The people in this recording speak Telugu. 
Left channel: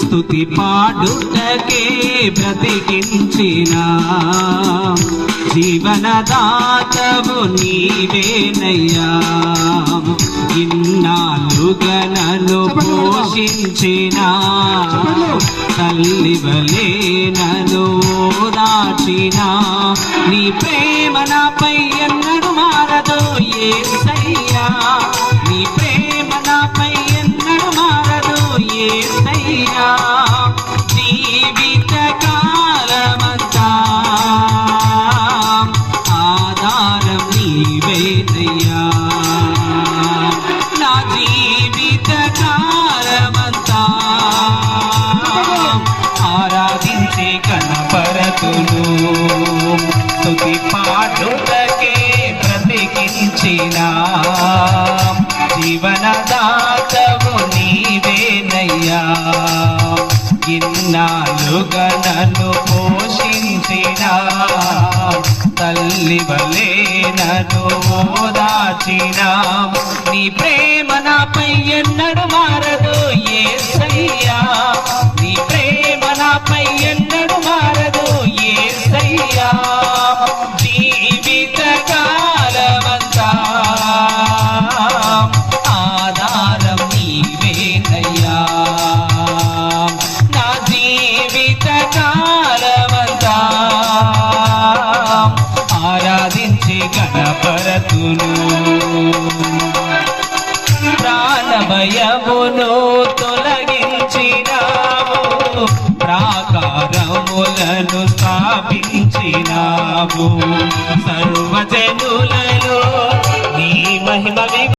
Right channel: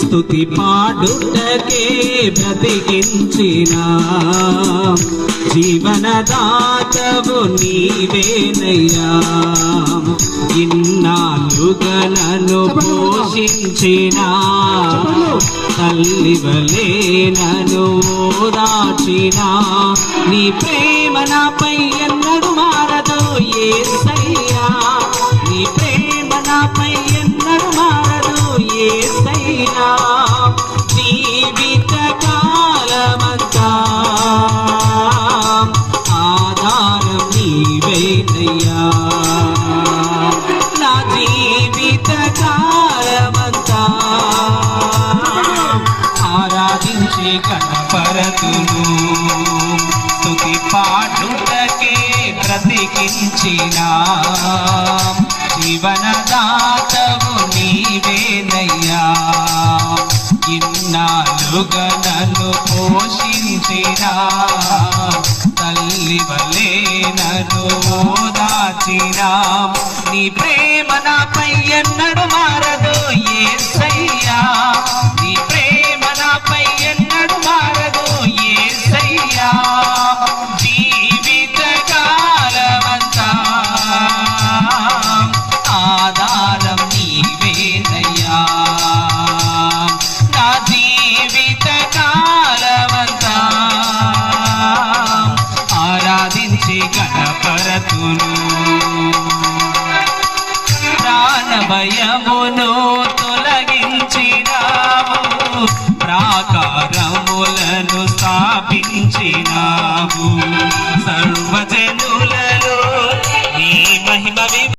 స్తుతి పాడుటకే బ్రతికించిన జీవనదాతవు నీవేనయ్యా. ఇన్నాళ్ళుగా నన్ను పోషించిన తల్లివలే నన్ను ఓదార్చిన నీ ప్రేమ నాపై ఎన్నడూ మారదు యేసయ్యా. నీ ప్రేమ నాపై ఎన్నడూ మారదు యేసయ్యా. జీవిత కాలమంతా ఆధారం నీవేనయ్యా. నా జీవిత కాలమంతా ఆరాధించే కనపరతులు స్తుతి పాడుటకే బ్రతికించిన జీవనదాతవు నీవేనయ్యా. ఇన్నాళ్ళుగా నన్ను పోషించిన తల్లివలే నన్ను ఓదార్చిన నీ ప్రేమ నాపై ఎన్నడూ మారదు యేసయ్యా. నీ ప్రేమ నాపై ఎన్నడూ మారదు యేసయ్యా. జీవిత కాలమంతా ఆధారం నీవేనయ్యా. నా జీవిత కాలమంతా ఆరాధించి గణపరతులు. ప్రాణభయమును తొలగించినావు, ప్రాకారములను స్థాపించినావు, సర్వజనులలో నీ మహిమ